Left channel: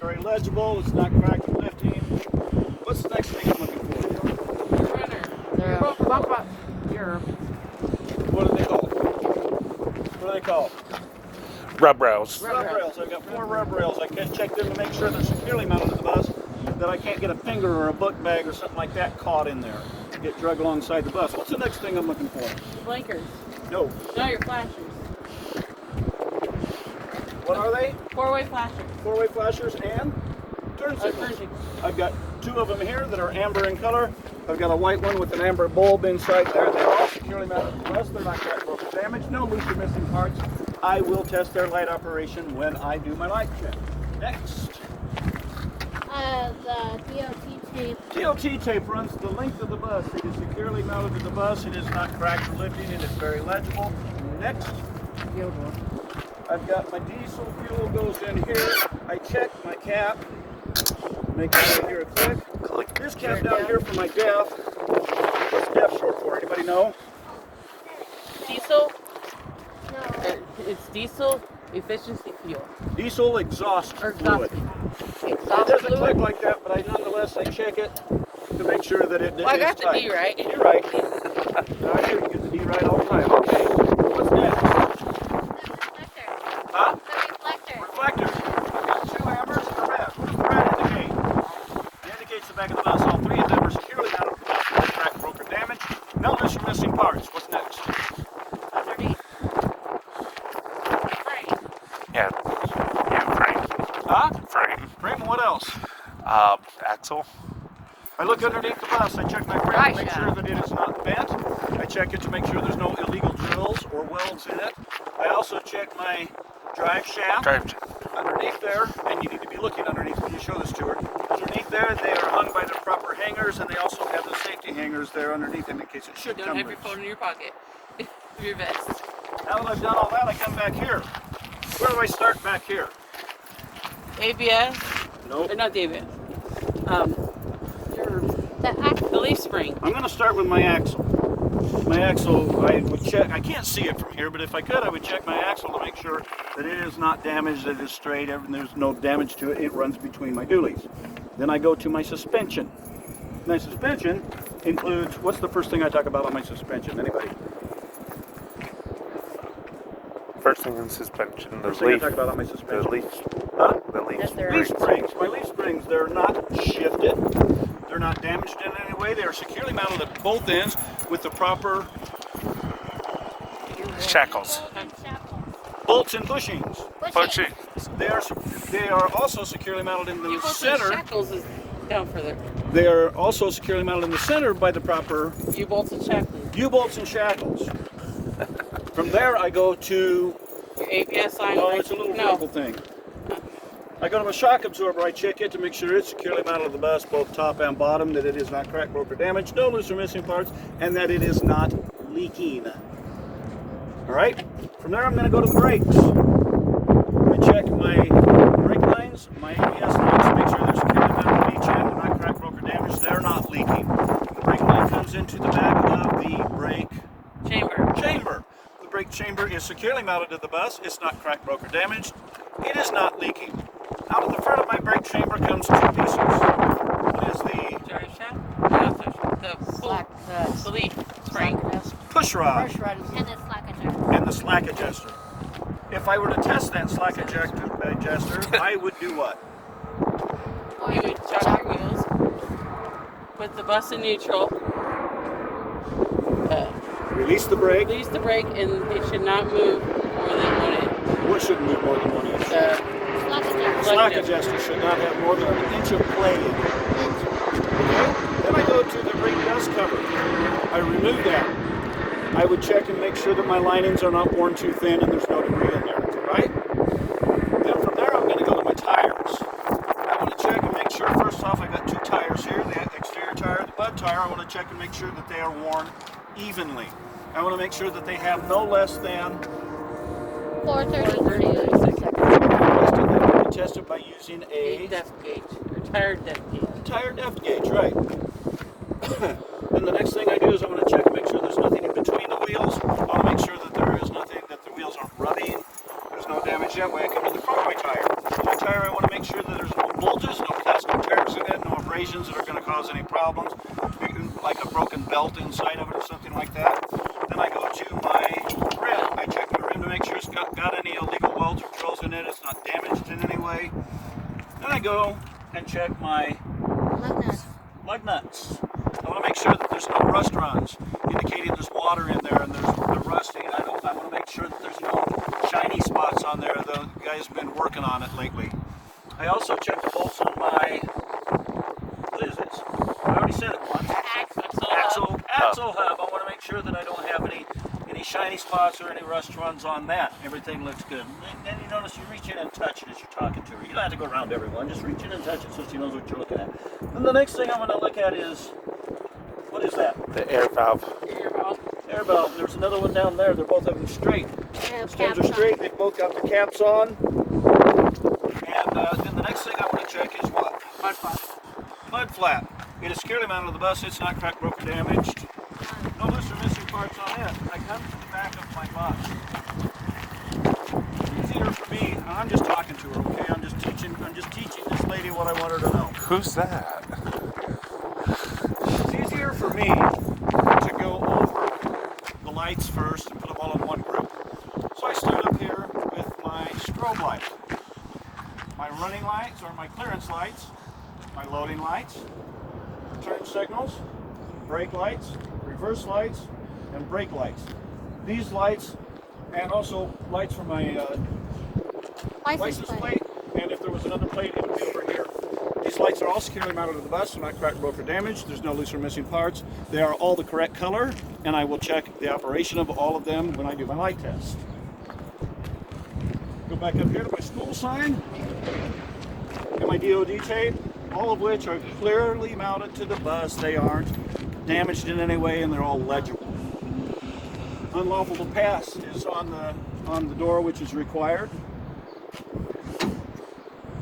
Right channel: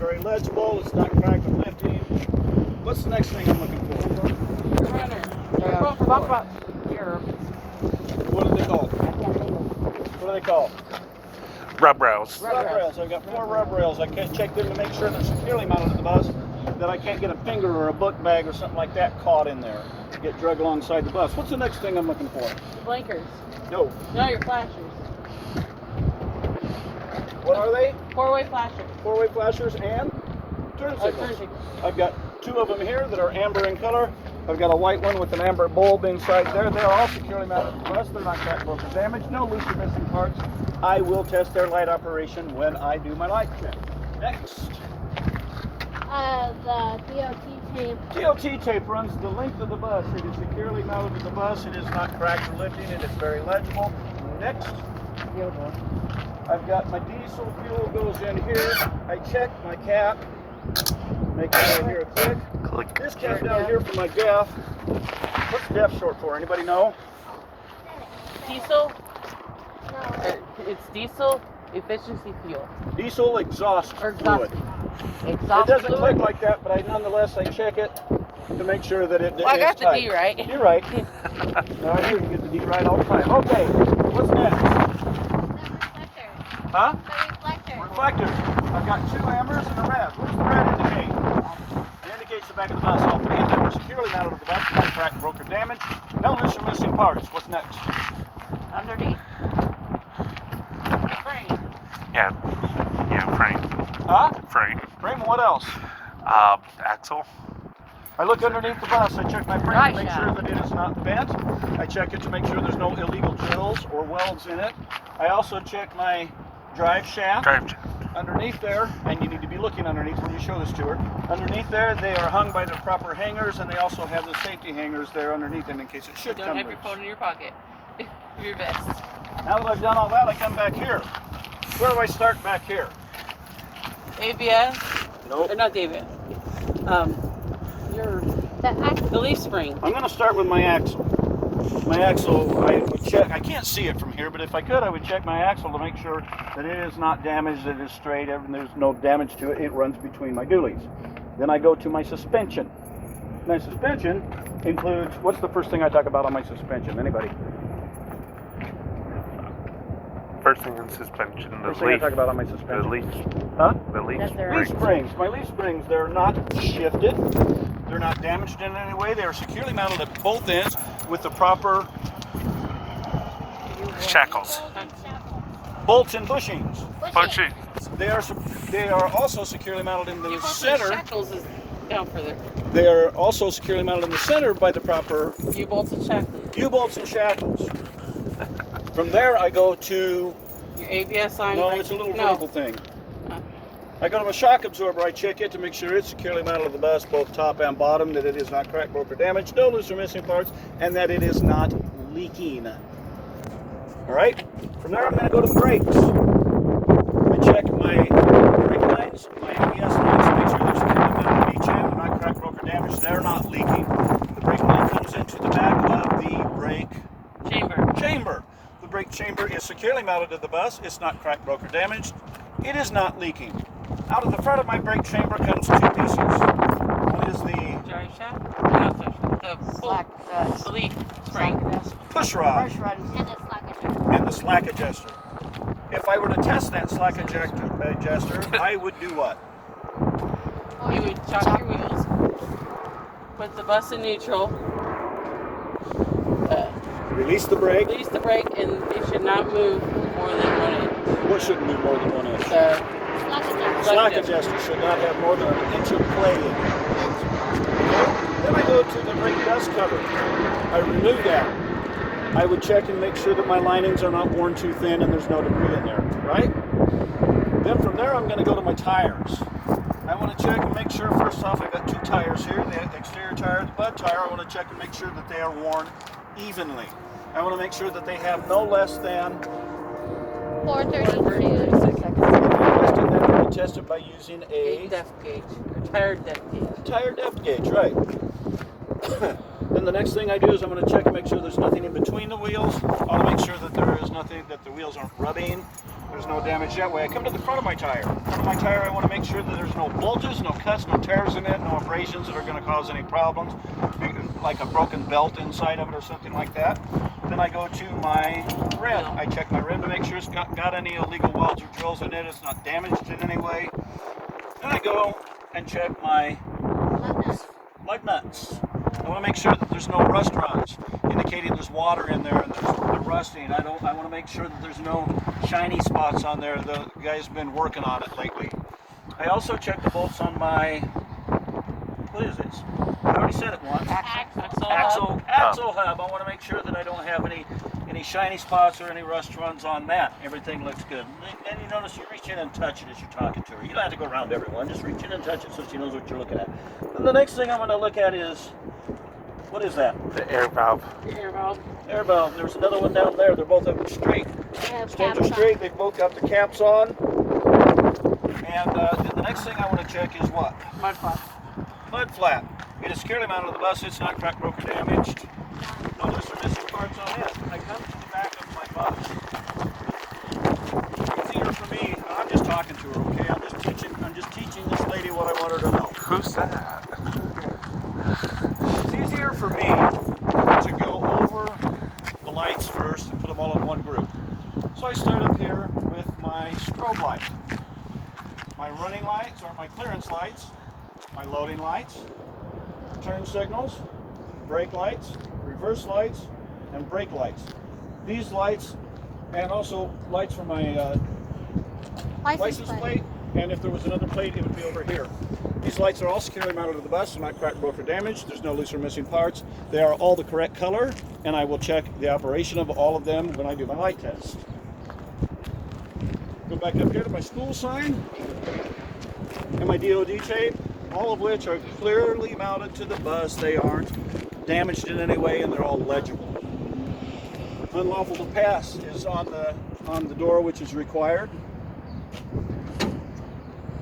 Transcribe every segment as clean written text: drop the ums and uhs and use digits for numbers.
very legible. It's not cracked or lifting. What's the next thing I'm looking for? What do they call? What do they call? Rub rails. Rub rails. I've got 4 rub rails. I can check them to make sure they're securely mounted to the bus, that I can't get a finger or a book bag or something like that caught in there, get dragged alongside the bus. What's the next thing I'm looking for? Blinkers. No. No, your flashers. What are they? 4-way flashers. 4-way flashers and turn signals. I've got 2 of them here that are amber in color. I've got a white one with an amber bulb inside there. They're all securely mounted to the bus. They're not cracked, broken, or damaged. No loose or missing parts. I will test their light operation when I do my light check. Next. The DOT tape. DOT tape runs the length of the bus. It is securely mounted to the bus. It is not cracked or lifting. It is very legible. Next. I've got my diesel fuel goes in here. I check my cap. Make it here quick. This cap down here for my DEF. What's DEF short for? Anybody know? Diesel? No. It's diesel efficiency fuel. Diesel exhaust Or fluid. It doesn't click like that, but nonetheless I check it to make sure that it is I got the tight. D right. You're right. I'm sure you get the D right all the time. Okay, what's next? Reflector. Huh? The reflector. Reflectors. I've got 2 ambers and a red. What's the red indicate? It indicates the back of the bus. All 3 of them are securely mounted to the bus. No cracked, broke, or damaged. No loose or missing parts. What's next? Underneath. Frame. Yeah, frame. Huh? Frame. Frame and what else? Axle. I look underneath the bus. I check my frame Right, to make sure that it is not bent. I check it to make sure there's no illegal drills or welds in it. I also check my drive shaft. Underneath there, and you need to be looking underneath when you show this to her. Underneath there, they are hung by the proper hangers, and they also have the safety hangers there underneath them in case it should Don't come have your loose. phone in your pocket. Your vest. Now that I've done all that, I come back here. Where do I start back here? ABS? Nope. Or not the ABS. Your The the leaf spring. I'm going to start with my axle. My axle, I would check. I can't see it from here, but if I could, I would check my axle to make sure that it is not damaged, that it is straight, and there's no damage to it. It runs between my dualies. Then I go to my suspension. My suspension includes, what's the first thing I talk about on my suspension? Anybody? First thing in suspension. First thing I talk about on my suspension. The leaf. Huh? The leaf. That's their Leaf springs. My leaf springs, they're not shifted. They're not damaged in any way. They are securely mounted at both ends with the proper Shackles. bolts and bushings. Pushing. They are also securely mounted in the center. Shackles is down further. They are also securely mounted in the center by the proper U-bolts and shackles. U-bolts and shackles. From there, I go to, Your ABS line. no, it's a little no. vertical thing. I go to my shock absorber. I check it to make sure it's securely mounted to the bus, both top and bottom, that it is not cracked, broke, or damaged, no loose or missing parts, and that it is not leaking. All right. From there, I'm going to go to the brakes. I check my brake lines, my ABS lines, to make sure they're securely mounted to each end, they're not cracked, broke, or damaged. They're not leaking. The brake line comes into the back of the brake chamber. The brake chamber is securely mounted to the bus. It's not cracked, broke, or damaged. It is not leaking. Out of the front of my brake chamber comes 2 pieces. One is the Drive shaft? The leaf spring. push rod And the slack adjuster. and the slack adjuster. If I were to test that slack adjuster, I would do what? You would chop your wheels. Put the bus in neutral. Release the brake. Release the brake, and it should not move more than 1 inch. What shouldn't move more than 1 inch? Slack adjuster. Slack adjuster should not have more than 1 inch of play in it. Okay? Then I go to the brake bus cover. I remove that. I would check and make sure that my linings are not worn too thin and there's no debris in there, right? Then from there I'm going to go to my tires. I want to check and make sure, first off, I've got 2 tires here, the exterior tire and the butt tire. I want to check and make sure that they are worn evenly. I want to make sure that they have no less than 432. I test it by using A a depth gauge. Or tire depth gauge. tire depth gauge, right. Then the next thing I do is I'm going to check and make sure there's nothing in between the wheels. I want to make sure that there is nothing, that the wheels aren't rubbing, there's no damage that way, I come to the front of my tire. My tire, I want to make sure that there's no bulges, no cuts, no tears in it, no abrasions that are going to cause any problems, like a broken belt inside of it or something like that. Then I go to my rim. I check my rim to make sure it's got any illegal welds or drills in it, it's not damaged in any way. Then I go and check my Lug nuts. lug nuts. I want to make sure that there's no rust runs, indicating there's water in there and they're rusting. I want to make sure that there's no shiny spots on there. The guy's been working on it lately. I also check the bolts on my, what is this? I already said it once. Axle hub. I want to make sure that I don't have any shiny spots or any rust runs on that. Everything looks good. And you notice you reach in and touch it as you're talking to her. You don't have to go around everyone. Just reach in and touch it so she knows what you're looking at. And the next thing I'm going to look at is, what is that? The air valve. Air valve. There's another one down there. They're both up and straight. They have Stands are caps on. straight. They've both got the caps on. And then the next thing I want to check is what? Mud flap. Mud flap. It is securely mounted to the bus. It's not cracked, broken, damaged. No, there's some missing parts on it. I come to the back of my bus. It's easier for me. I'm just talking to her, okay? I'm just teaching this lady what I want her to know. Who's that? It's easier for me to go over the lights first and put them all in one group. So I start up here with my strobe light. My running lights or my clearance lights, my loading lights, turn signals, brake lights, reverse lights, and brake lights. These lights, and also lights for my license plate, and if there was another plate, it would be over here. These lights are all securely mounted to the bus. They're not cracked, broke, or damaged. There's no loose or missing parts. They are all the correct color, and I will check the operation of all of them when I do my light test. Go back up here to my school sign and my DOD tape, all of which are clearly mounted to the bus. They aren't damaged in any way, and they're all legible. Unlawful to pass is on the door, which is required.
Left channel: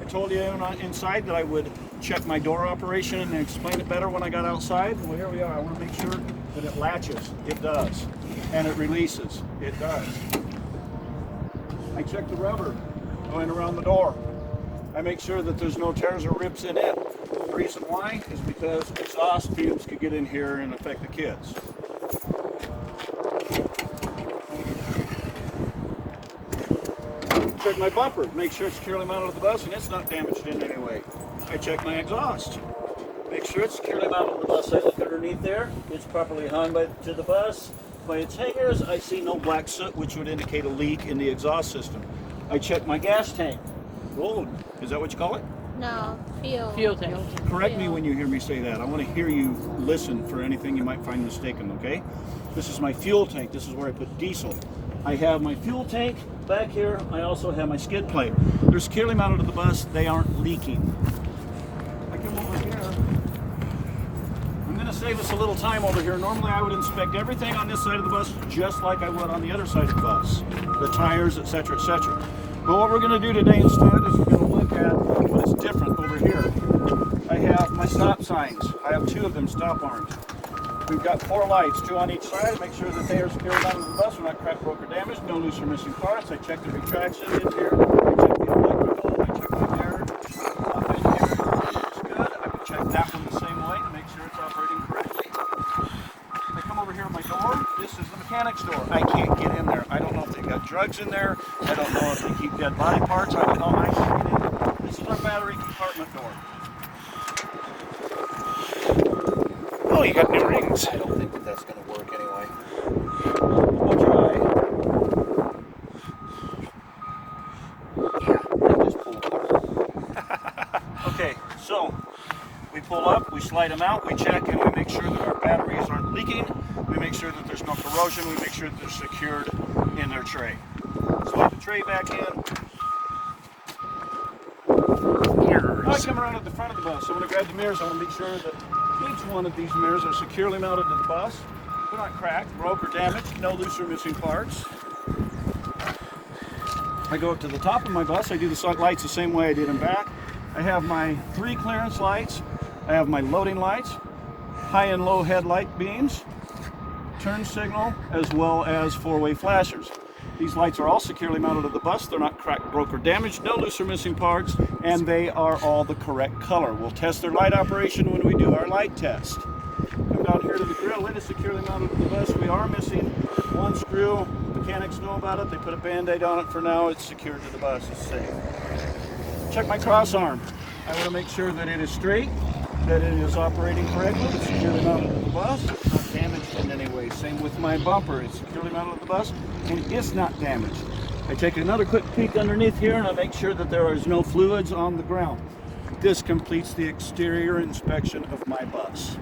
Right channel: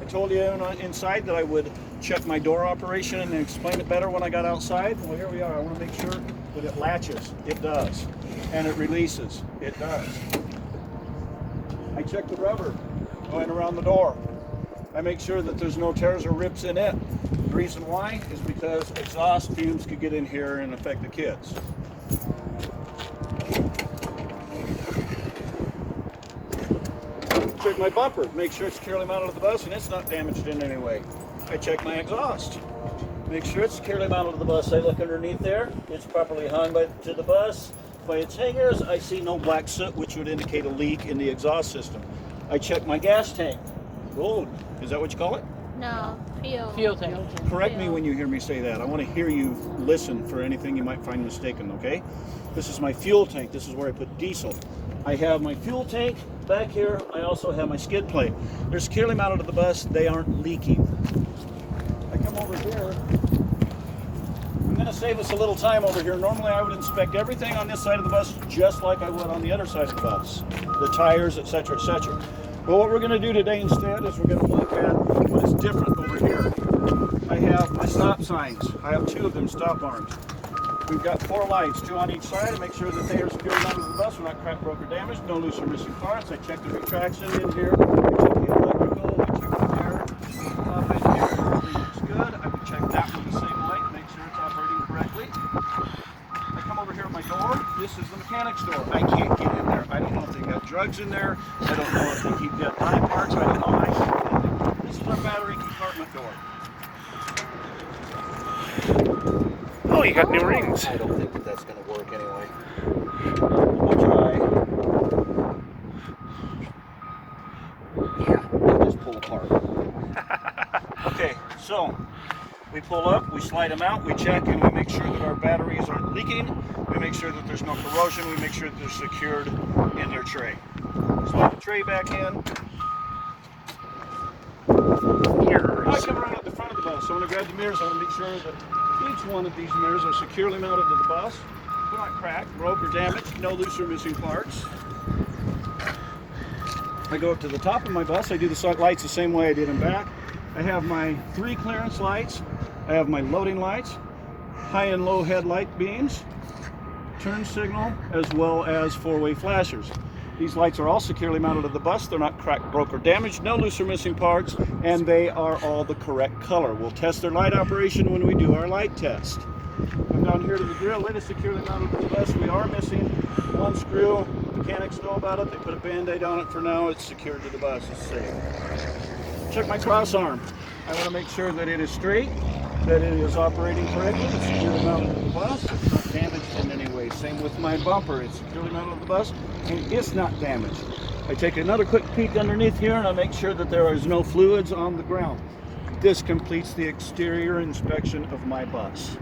I told you inside that I would check my door operation and explain it better when I got outside. Well, here we are. I want to make sure that it latches. It does. And it releases. It does. I check the rubber going around the door. I make sure that there's no tears or rips in it. The reason why is because exhaust fumes could get in here and affect the kids. Check my bumper, make sure it's securely mounted to the bus and it's not damaged in any way. I check my exhaust, make sure it's securely mounted to the bus. I look underneath there, it's properly hung to the bus. By its hangers, I see no black soot, which would indicate a leak in the exhaust system. I check my gas tank. Whoa, is that what you call it? No, Fuel tank. Correct me when you hear me say that. I want to hear you listen for anything you might find mistaken, okay? This is my fuel tank. This is where I put diesel. I have my fuel tank back here. I also have my skid plate. They're securely mounted to the bus. They aren't leaking. I come over here. I'm going to save us a little time over here. Normally I would inspect everything on this side of the bus just like I would on the other side of the bus. The tires, etc., etc. But what we're going to do today instead is we're going to look at what is different over here. I have my stop signs. I have 2 of them, stop arms. We've got 4 lights, 2 on each side. Make sure that they are secured onto the bus. We're not cracked, broke, or damaged. No loose or missing parts. I check the retraction in here. I check the electrical. I check the air. Top in here. Looks good. I would check that one the same light. Make sure it's operating correctly. They come over here at my door. This is the mechanic's door. I can't get in there. I don't know if they got drugs in there. I don't know if they keep dead body parts. I don't know. I can't get in there. This is my battery compartment door. Oh, you got new rings. I don't think that that's going to work anyway. We'll try. Yeah, they just pull apart. Okay, so we pull up, we slide them out, we check, and we make sure that our batteries aren't leaking. We make sure that there's no corrosion. We make sure that they're secured in their tray. Slide the tray back in. I come around at the front of the bus. So when I grab the mirrors, I want to make sure that each one of these mirrors are securely mounted to the bus. They're not cracked, broke, or damaged. No loose or missing parts. I go up to the top of my bus. I do the lights the same way I did in back. I have my 3 clearance lights. I have my loading lights, high and low headlight beams, turn signal, as well as 4-way flashers. These lights are all securely mounted to the bus. They're not cracked, broke, or damaged. No loose or missing parts, and they are all the correct color. We'll test their light operation when we do our light test. Come down here to the grill. It is securely mounted to the bus. We are missing one screw. Mechanics know about it. They put a Band-Aid on it for now. It's secured to the bus. It's safe. Check my cross arm. I want to make sure that it is straight, that it is operating correctly. It's securely mounted to the bus. It's not damaged in any way. Same with my bumper. It's securely mounted to the bus. It is not damaged. I take another quick peek underneath here and I make sure that there is no fluids on the ground. This completes the exterior inspection of my bus.